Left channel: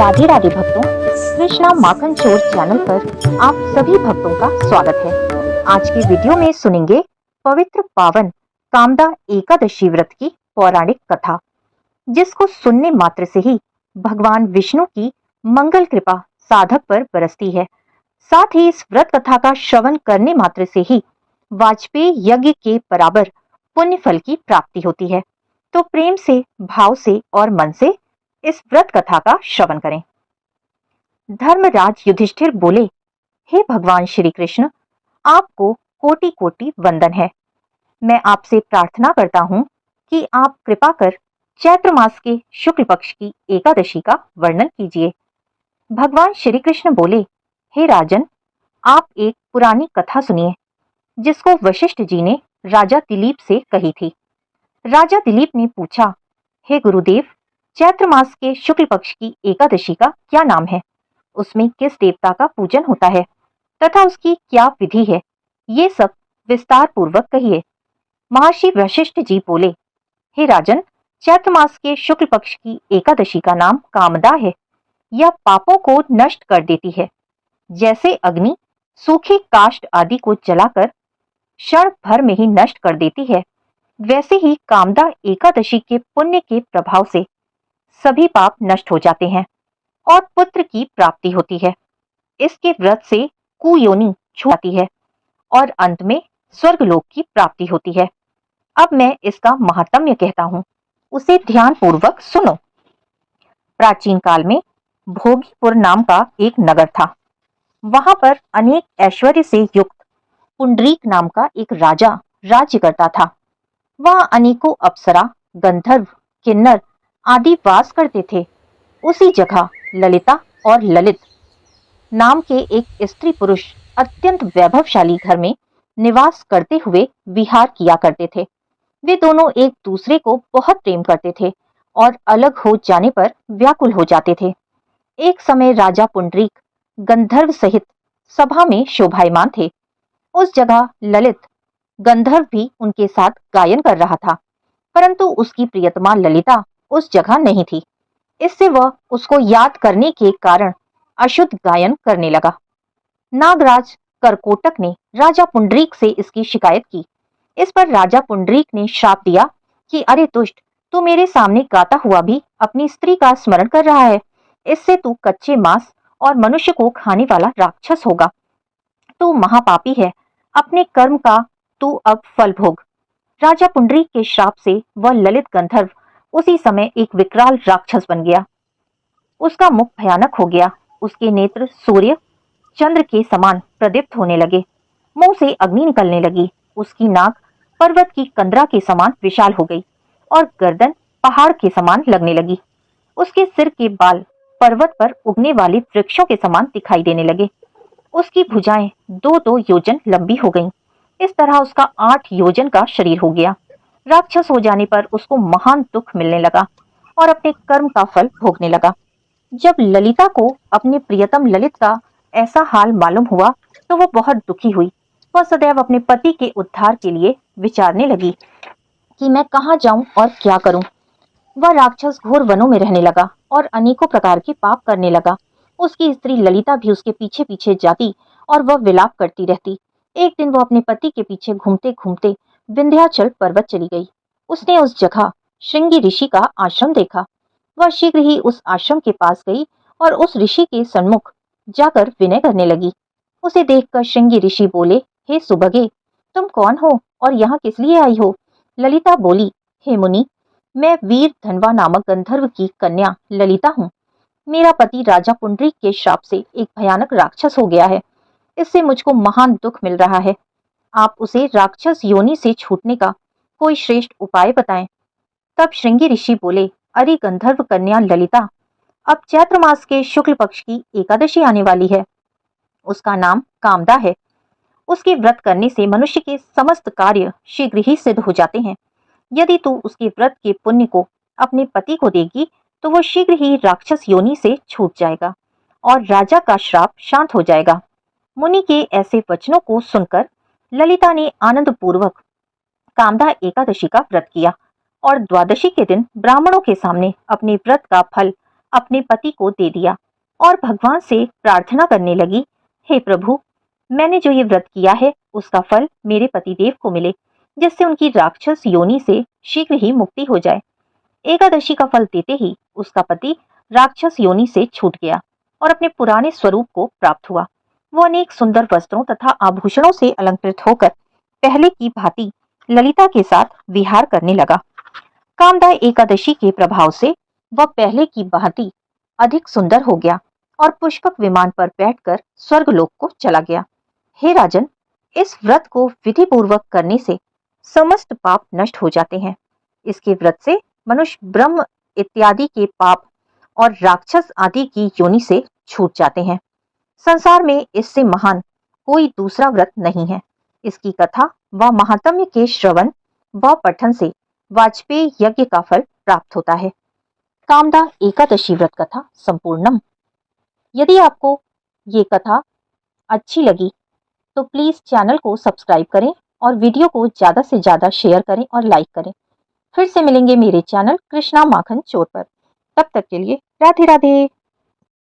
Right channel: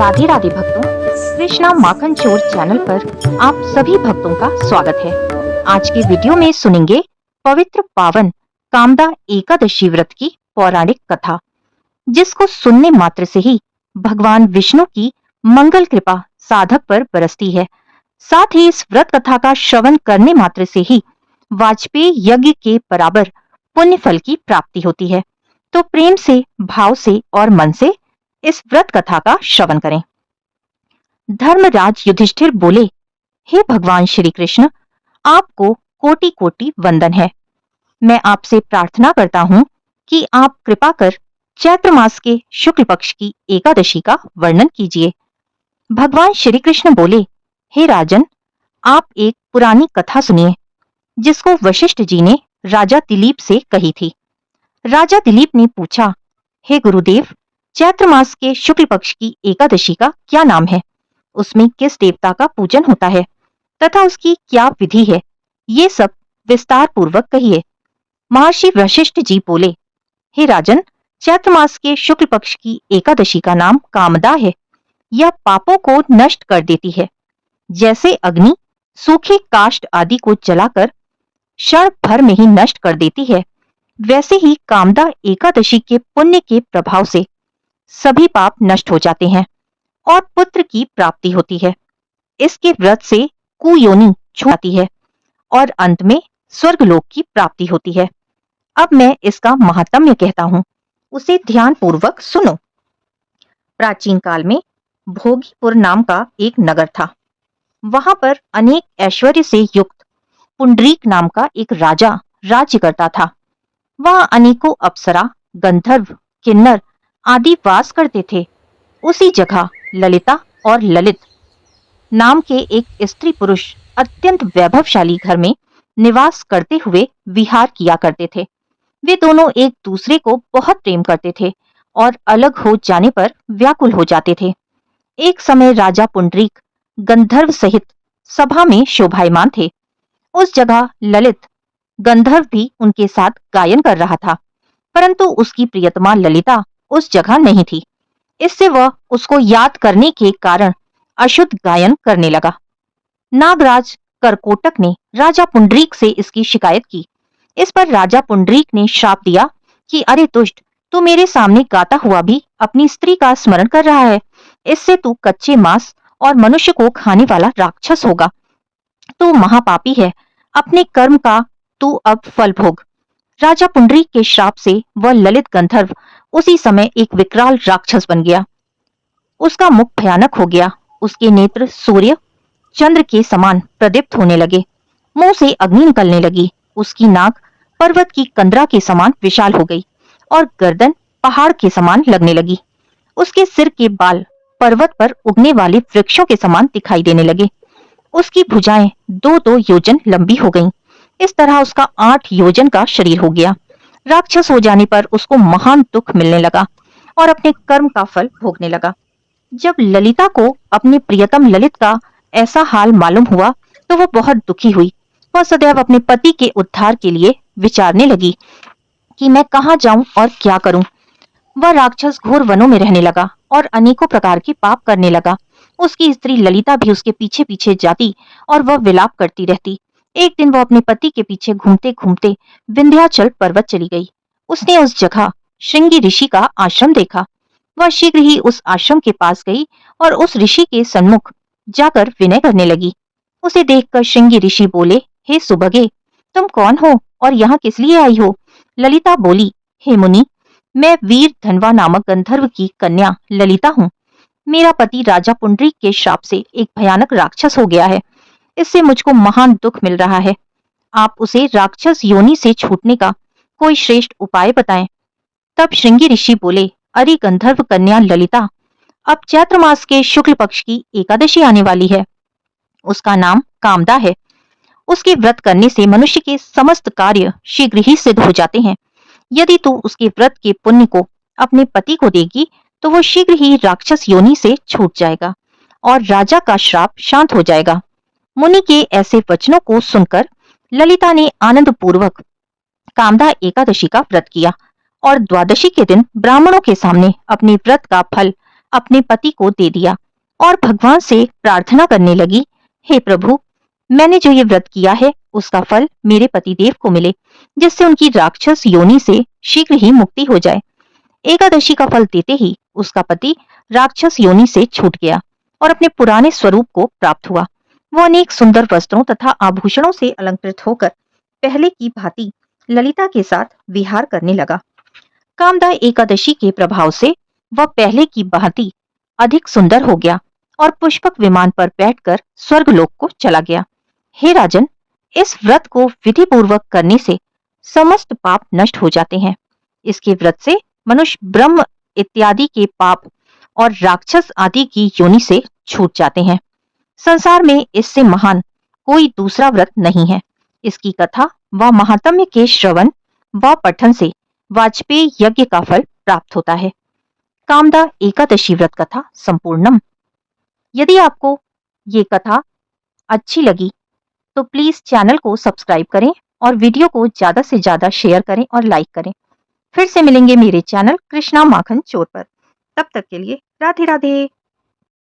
राधे राधे भक्तों, कृष्णा माखन चोर चैनल पर आप सभी भक्तों का स्वागत है। आज की वीडियो में सुनेंगे पवित्र पावन कामदा एकादशी व्रत की पौराणिक कथा, जिसको सुनने मात्र से ही भगवान विष्णु की मंगल कृपा साधक पर बरसती है। साथ ही इस व्रत कथा का श्रवण करने मात्र से ही वाजपेयी यज्ञ के बराबर पुण्य फल की प्राप्ति होती है। तो प्रेम से, भाव से और मन से इस व्रत कथा का श्रवण करें। धर्मराज युधिष्ठिर बोले, हे भगवान श्री कृष्ण, आपको कोटि कोटि वंदन है। मैं आपसे प्रार्थना करता हूँ कि आप कृपा कर चैत्र मास के शुक्ल पक्ष की एकादशी का वर्णन कीजिए। भगवान श्री कृष्ण बोले, हे राजन, आप एक पुरानी कथा सुनिए, जिसको वशिष्ठ जी ने राजा दिलीप से कही थी। राजा दिलीप ने पूछा, हे गुरुदेव, चैत्र मास के शुक्ल पक्ष की एकादशी का क्या नाम है? उसमें किस देवता का पूजन होता है तथा उसकी क्या विधि है? ये सब विस्तार पूर्वक कहिए। महर्षि वशिष्ठ जी बोले, हे राजन, चैत्र मास के शुक्ल पक्ष की एकादशी का नाम कामदा है। यह पापों को नष्ट कर देती है। जैसे अग्नि सूखे काष्ठ आदि को जलाकर क्षण भर में ही नष्ट कर देती है, वैसे ही कामदा एकादशी के पुण्य के प्रभाव से सभी पाप नष्ट हो जाते हैं और पुत्र की प्राप्ति होती है। इसके व्रत से कुयोनि छूट जाती है और अंत में स्वर्गलोक की प्राप्ति होती है। अब मैं इसका महात्म्य कहता हूँ, उसे ध्यान पूर्वक सुनो। प्राचीन काल में भोगीपुर नाम का एक नगर था। वहां पर अनेक ऐश्वर्य से युक्त पुंडरीक नाम का एक राजा राज्य करता था। वह अनेकों अप्सरा, गंधर्व, किन्नर आदि वास करते थे। उसी जगह ललिता और ललित नाम के एक स्त्री पुरुष अत्यंत वैभवशाली घर में निवास करते हुए विहार किया करते थे। वे दोनों एक दूसरे को बहुत प्रेम करते थे और अलग हो जाने पर व्याकुल हो जाते थे। एक समय राजा पुंडरीक गंधर्व सहित सभा में शोभायमान थे। उस जगह ललित गंधर्व भी उनके साथ गायन कर रहा था, परंतु उसकी प्रियतमा ललिता उस जगह नहीं थी। इससे वह उसको याद करने के कारण अशुद्ध गायन करने लगा। नागराज करकोटक ने राजा पुंडरीक से इसकी शिकायत की। इस पर राजा पुंडरीक ने श्राप दिया कि अरे दुष्ट, तू मेरे सामने गाता हुआ भी अपनी स्त्री का स्मरण कर रहा है। इससे तू कच्चे मांस और मनुष्य को खाने वाला राक्षस होगा। तू महापापी है। अपने कर्म का तू अब फल भोग। राजा पुंडरीक के श्राप से वह ललित गंधर्व उसी समय एक विकराल राक्षस बन गया। उसका मुख भयानक हो गया। उसके नेत्र सूर्य चंद्र के समान प्रदीप्त होने लगे। मुंह से अग्नि निकलने लगी। उसकी नाक पर्वत की कंदरा के समान विशाल हो गई और गर्दन पहाड़ के समान लगने लगी। उसके सिर के बाल पर्वत पर उगने वाले वृक्षों के समान दिखाई देने लगे। उसकी भुजाएं 2-2 योजन लंबी हो गईं। इस तरह उसका 8 योजन का शरीर हो गया। राक्षस हो जाने पर उसको महान दुख मिलने लगा और अपने कर्म का फल भोगने लगा। जब ललिता को अपने प्रियतम ललित का ऐसा हाल मालूम हुआ तो वह बहुत दुखी हुई। वह सदैव अपने पति के उद्धार के लिए विचारने लगी कि मैं कहाँ जाऊं और क्या करूं। वह राक्षस घोर वनों में रहने लगा और अनेकों प्रकार के पाप करने लगा। उसकी स्त्री ललिता भी उसके पीछे पीछे जाती और वह विलाप करती रहती। एक दिन वह अपने पति के पीछे घूमते घूमते विंध्याचल पर्वत चली गई। उसने उस जगह श्रृंगी ऋषि का आश्रम देखा। वह शीघ्र ही उस आश्रम के पास गई और उस ऋषि के सन्मुख जाकर विनय करने लगी। उसे देखकर श्रृंगी ऋषि बोले, हे सुबगे, तुम कौन हो और यहाँ किस लिए आई हो? ललिता बोली, हे मुनि, मैं वीर धनवा नामक गंधर्व की कन्या ललिता हूँ। मेरा पति राजा पुंडरीक के श्राप से एक भयानक राक्षस हो गया है। इससे मुझको महान दुख मिल रहा है। आप उसे राक्षस योनि से छूटने का कोई श्रेष्ठ उपाय बताएं। तब श्रृंगी ऋषि बोले, अरे गंधर्व कन्या ललिता, अब चैत्र मास के शुक्ल पक्ष की एकादशी आने वाली है। उसका नाम कामदा है। उसके व्रत करने से मनुष्य के समस्त कार्य शीघ्र ही सिद्ध हो जाते हैं। यदि तू उसके व्रत के पुण्य को अपने पति को देगी तो वो शीघ्र ही राक्षस योनि से छूट जाएगा और राजा का श्राप शांत हो जाएगा। मुनि के ऐसे वचनों को सुनकर ललिता ने आनंद पूर्वक कामदा एकादशी का व्रत किया और द्वादशी के दिन ब्राह्मणों के सामने अपने व्रत का फल अपने पति को दे दिया और भगवान से प्रार्थना करने लगी, हे प्रभु, मैंने जो ये व्रत किया है उसका फल मेरे पतिदेव को मिले, जिससे उनकी राक्षस योनि से शीघ्र ही मुक्ति हो जाए। एकादशी का फल देते ही उसका पति राक्षस योनि से छूट गया और अपने पुराने स्वरूप को प्राप्त हुआ। वो अनेक सुंदर वस्त्रों तथा आभूषणों से अलंकृत होकर पहले की भांति ललिता के साथ विहार करने लगा। कामदा एकादशी के प्रभाव से वह पहले की भांति अधिक सुंदर हो गया और पुष्पक विमान पर बैठकर स्वर्गलोक को चला गया। हे राजन, इस व्रत को विधि पूर्वक करने से समस्त पाप नष्ट हो जाते हैं। इसके व्रत से मनुष्य ब्रह्म इत्यादि के पाप और राक्षस आदि की योनि से छूट जाते हैं। संसार में इससे महान कोई दूसरा व्रत नहीं है। इसकी कथा व महात्म्य के श्रवण व पठन से वाजपेयी यज्ञ का फल प्राप्त होता है। कामदा एकादशी व्रत कथा संपूर्णम। यदि आपको ये कथा अच्छी लगी तो प्लीज चैनल को सब्सक्राइब करें और वीडियो को ज्यादा से ज्यादा शेयर करें और लाइक करें। फिर से मिलेंगे मेरे चैनल कृष्णा माखन चोर पर। तब तक के लिए राधे राधे।